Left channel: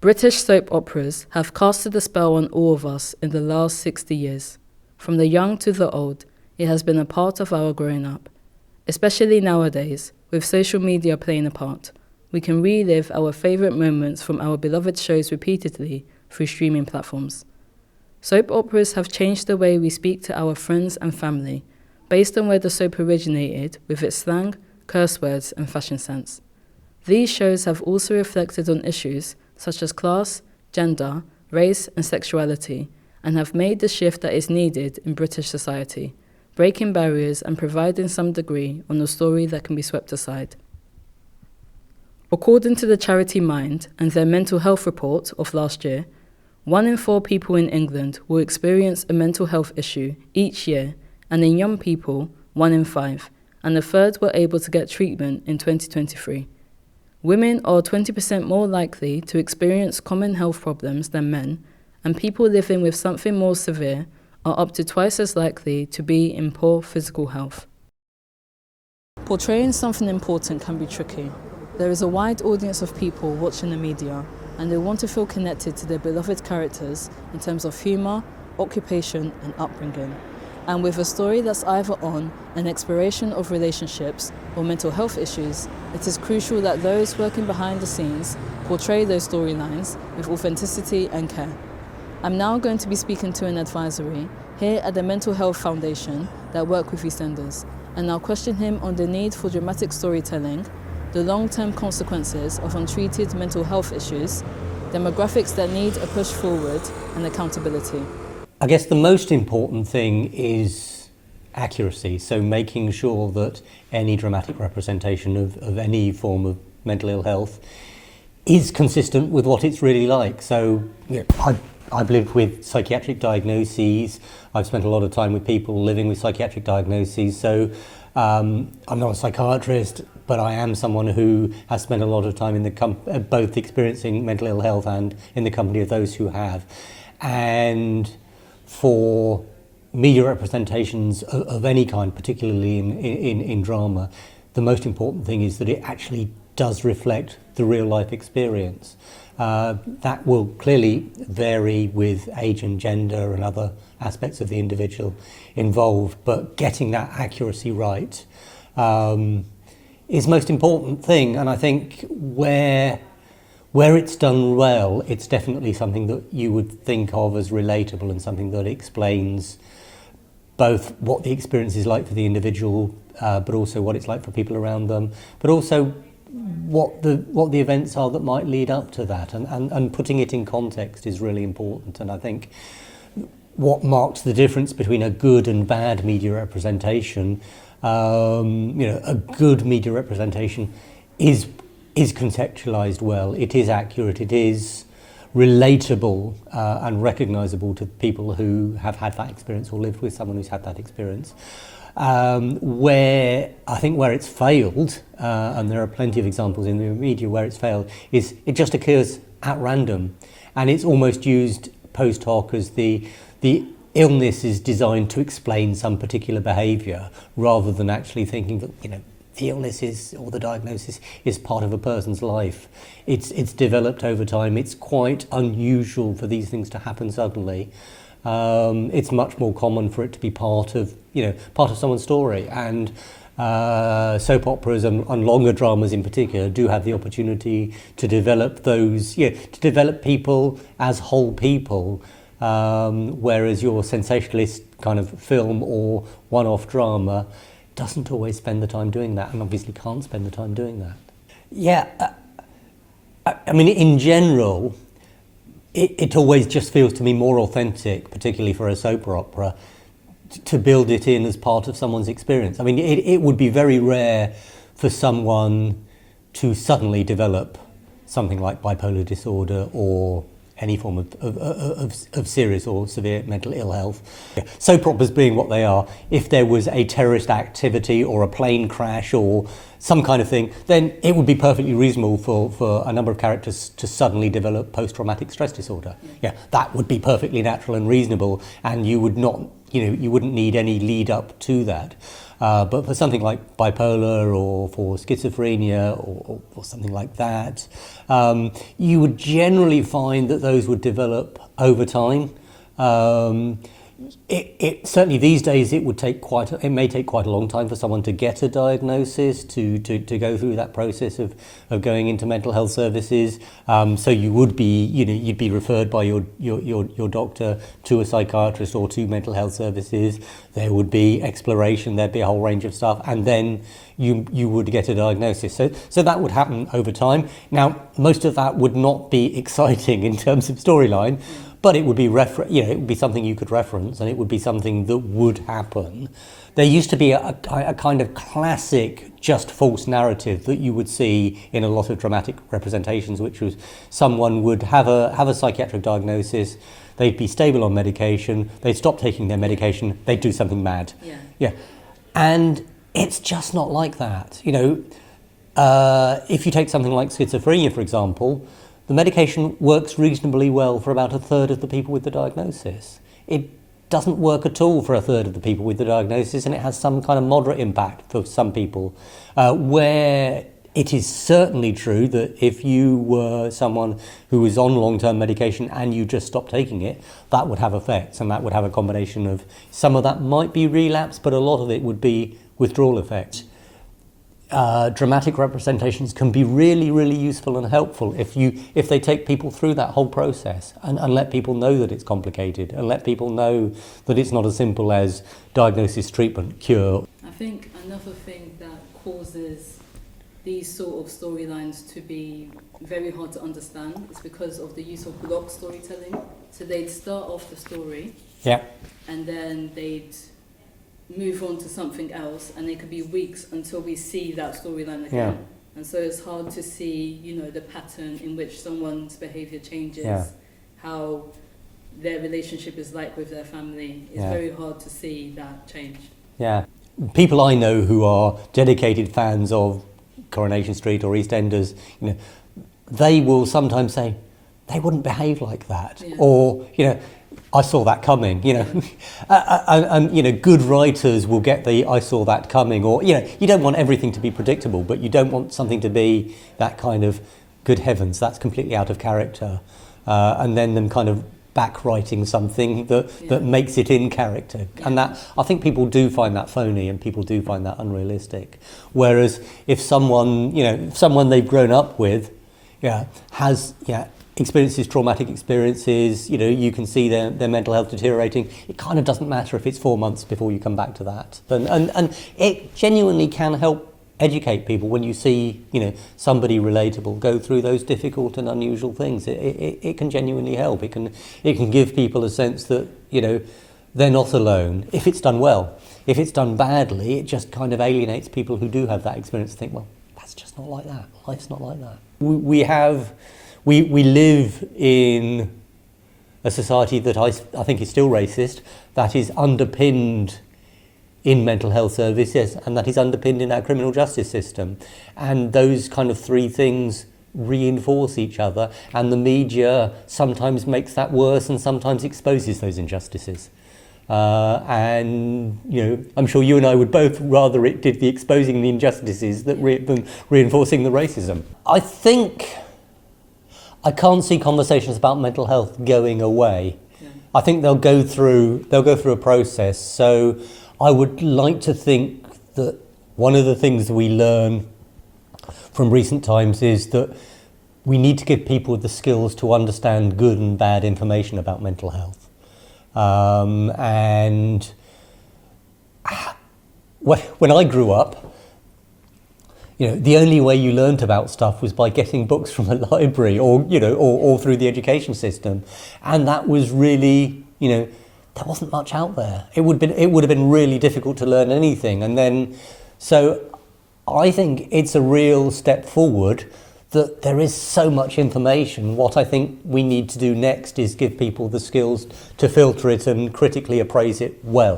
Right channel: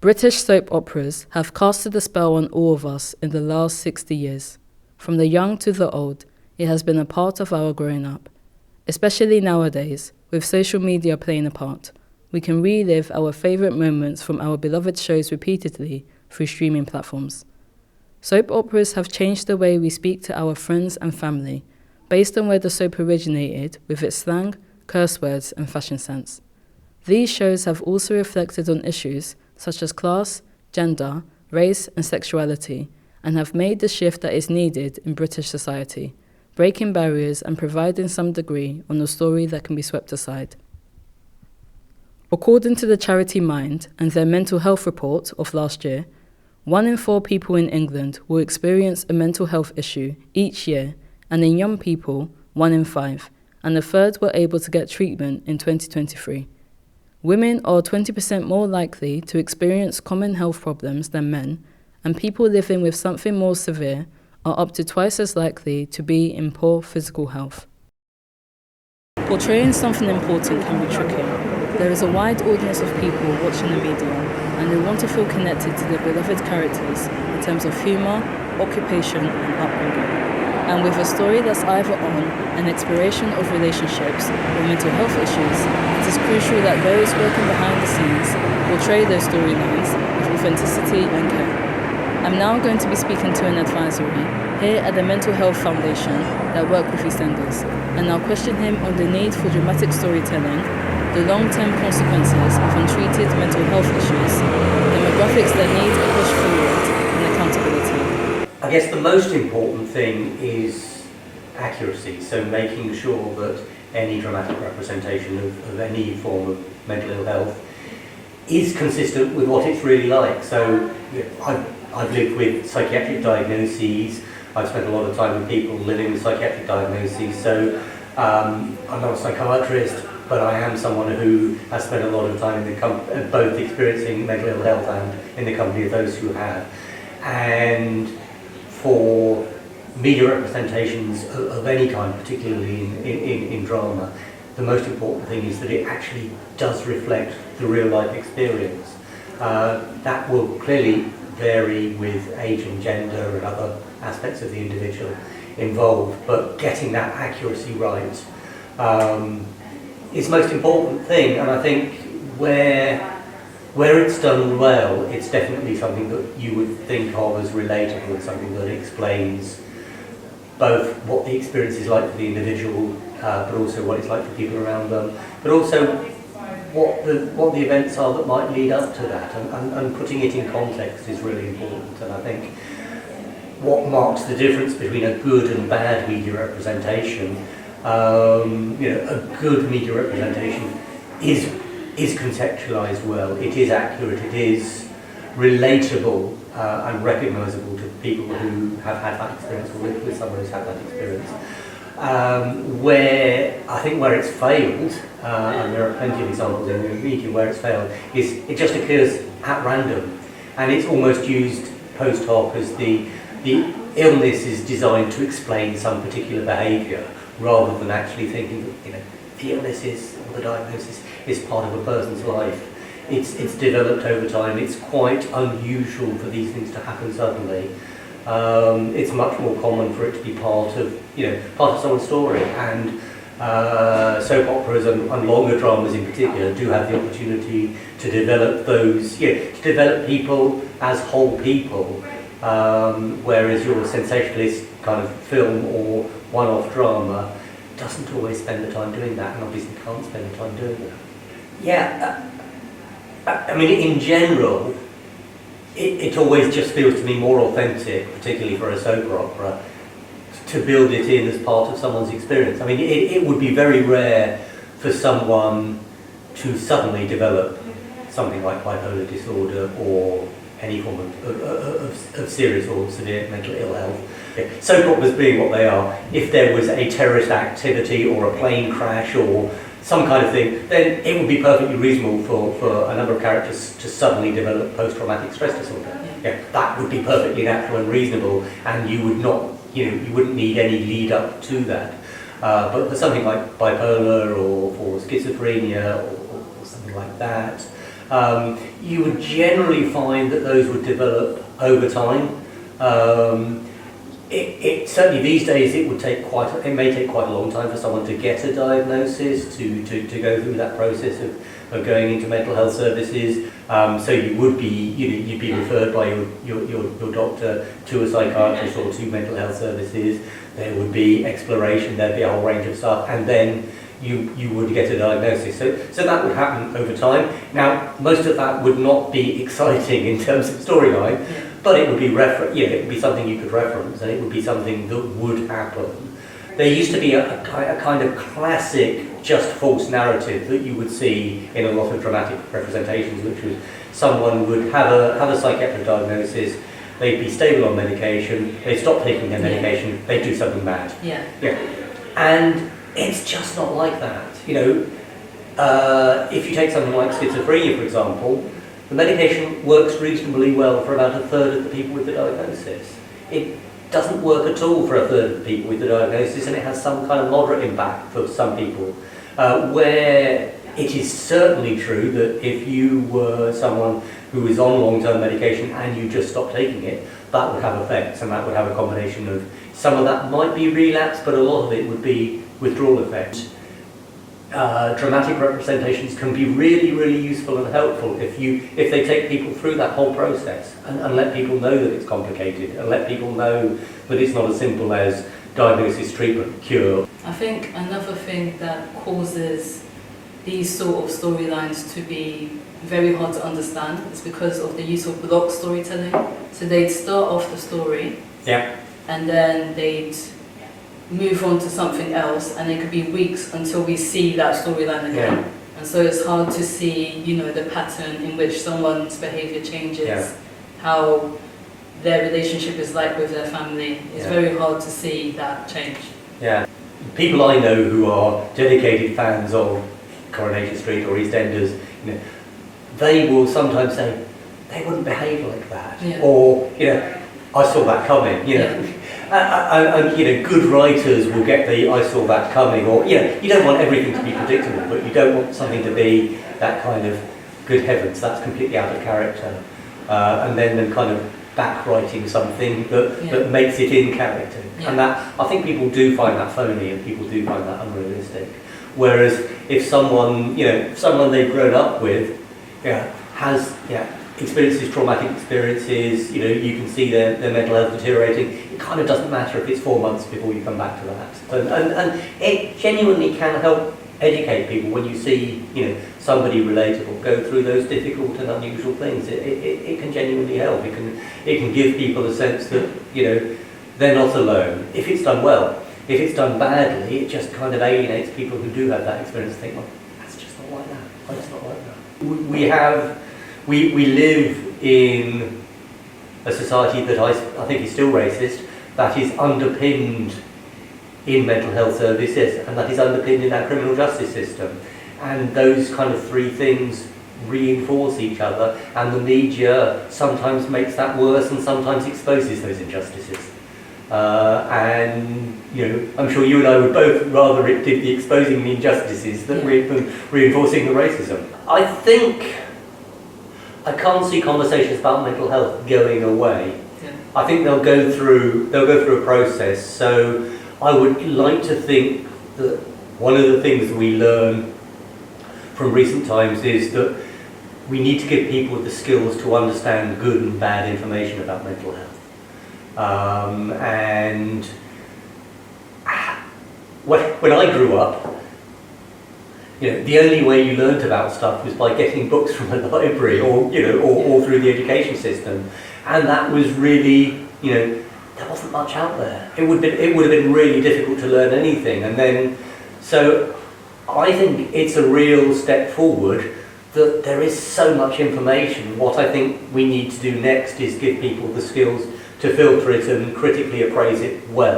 British soap operas have casted a spell on all of us in the last 60 years. From the young to the old, it has been a part of our growing up. Especially nowadays, with social media playing a part, we can relive our favourite moments from our beloved shows repeatedly through streaming platforms. Soap operas have changed the way we speak to our friends and family, based on where the soap originated with its slang, curse words and fashion sense. These shows have also reflected on issues such as class, gender, race and sexuality, and have made the shift that is needed in British society, breaking barriers and providing some degree on a story that can be swept aside. According to the charity Mind and their mental health report of last year, 1 in 4 people in England will experience a mental health issue each year, and in young people, 1 in 5, and a third were able to get treatment in 2023. Women are 20% more likely to experience common health problems than men, and people living with something more severe are up to twice as likely to be in poor physical health. Portraying something important can be tricky. There is a wide audience of people watching the media, and they want to feel connected to their beloved characters in terms of humour, occupation and upbringing. And with a story that's either on an exploration of relationships or mental health issues, it is crucial that those working behind the scenes portray those storylines with authenticity and care. I'm now going to be speaking to an advisory here at the Mental Health Foundation that work with EastEnders, and I'll question him on the need for dramatic storytelling, the long-term consequences of untreated mental health issues, demographics that need a push forward, and accountability. I guess the most important thing is accuracy, so making sure that any dramatic representation of any form of mental ill health is consistent with what it's really like. So I've lived with psychiatric diagnoses, I've spent a lot of time with people living with psychiatric diagnoses, so I'm not a psychiatrist, but I am someone who has spent a lot of time in both experiencing mental ill health and in the company of those who have. And for media representations of any kind, particularly in drama, the most important thing is that it actually does reflect the real life experience. That will clearly vary with age and gender and other aspects of the individual involved, but getting that accuracy right is the most important thing. And I think where it's done well, it's definitely something that you would think of as relatable and something that explains both what the experience is like for the individual, but also what it's like for people around them, but also what the events are that might lead up to that, and putting it in context is really important. And I think what marks the difference between a good and bad media representation, a good media representation is conceptualised well, it is accurate, it is relatable and recognisable to people who have had that experience or lived with someone who's had that experience. Where it's failed, and there are plenty of examples in the media where it's failed, is it just occurs at random, and it's almost used post hoc as the illness is designed to explain some particular behaviour, rather than actually thinking that the illness or the diagnosis is part of a person's life. It's developed over time. It's quite unusual for these things to happen suddenly. It's much more common for it to be part of someone's story, and soap operas and longer dramas in particular do have the opportunity to develop to develop people as whole people, whereas your sensationalist kind of film or one-off drama doesn't always spend the time doing that, and obviously can't spend the time doing that. I mean, in general, it always just feels to me more authentic, particularly for a soap opera, to build it in as part of someone's experience. I mean, it would be very rare for someone to suddenly develop something like bipolar disorder or any form of serious or severe mental ill health. Soap operas being what they are, if there was a terrorist activity or a plane crash or some kind of thing, then it would be perfectly reasonable for a number of characters to suddenly develop post-traumatic stress disorder. That would be perfectly natural and reasonable, and you wouldn't need any lead up to that. But for something like bipolar or for schizophrenia or something like that, you would generally find that those would develop over time. It certainly these days it may take quite a long time for someone to get a diagnosis, to go through that process of going into mental health services. So you'd be referred by your doctor to a psychiatrist or to mental health services. There would be exploration, there'd be a whole range of stuff, and then you would get a diagnosis. So that would happen over time. Now, most of that would not be exciting in terms of storyline, but it would be it would be something you could reference, and it would be something that would happen. There used to be a kind of classic just false narrative that you would see in a lot of dramatic representations, which was someone would have a psychiatric diagnosis, they'd be stable on medication, they'd stop taking their medication, they'd do something bad. And it's just not like that. If you take something like schizophrenia, for example, the medication works reasonably well for about a third of the people with the diagnosis. It doesn't work at all for a third of the people with the diagnosis, and it has some kind of moderate impact for some people. Where it is certainly true that if you were someone who was on long-term medication and you just stopped taking it, that would have effects, and that would have a combination of, some of that might be relapse, but a lot of it would be withdrawal effects. Dramatic representations can be really, really useful and helpful if they take people through that whole process and let people know that it's complicated, and let people know that it's not as simple as diagnosis, treatment, cure. I think another thing that causes these sort of storylines to be very hard to understand is because of the use of block storytelling. So they'd start off the story, and then they'd move on to something else, and it could be weeks until we see that storyline again. And so it's hard to see, the pattern in which someone's behaviour changes, how their relationship is like with their family. It's very hard to see that change. People I know who are dedicated fans of Coronation Street or EastEnders, they will sometimes say, they wouldn't behave like that, or I saw that coming, and good writers will get the I saw that coming, or you don't want everything to be predictable, but you don't want something to be that kind of, good heavens, that's completely out of character, and then them kind of back writing something that makes it in character, and that, I think people do find that phony, and people do find that unrealistic. Whereas if someone they've grown up with has experiences, traumatic experiences, you can see their mental health deteriorating, it kind of doesn't matter if it's 4 months before you come back to that. And it genuinely can help educate people when you see, somebody relatable go through those difficult and unusual things. It can genuinely help. It can give people a sense that, they're not alone, if it's done well. If it's done badly, it just kind of alienates people who do have that experience and think, well, that's just not like that. Life's not like that. We live in a society that I think is still racist, that is underpinned in mental health services, and that is underpinned in our criminal justice system. And those kind of three things reinforce each other, and the media sometimes makes that worse and sometimes exposes those injustices. And I'm sure you and I would both rather it did the exposing the injustices than reinforcing the racism. I think I can't see conversations about mental health going away. I think they'll go through a process. So I would like to think that one of the things we learn from recent times is that we need to give people the skills to understand good and bad information about mental health. And when I grew up, the only way you learnt about stuff was by getting books from a library, or through the education system, and that was really, there wasn't much out there. It would have been really difficult to learn anything, and then, so I think it's a real step forward that there is so much information. What I think we need to do next is give people the skills to filter it and critically appraise it well.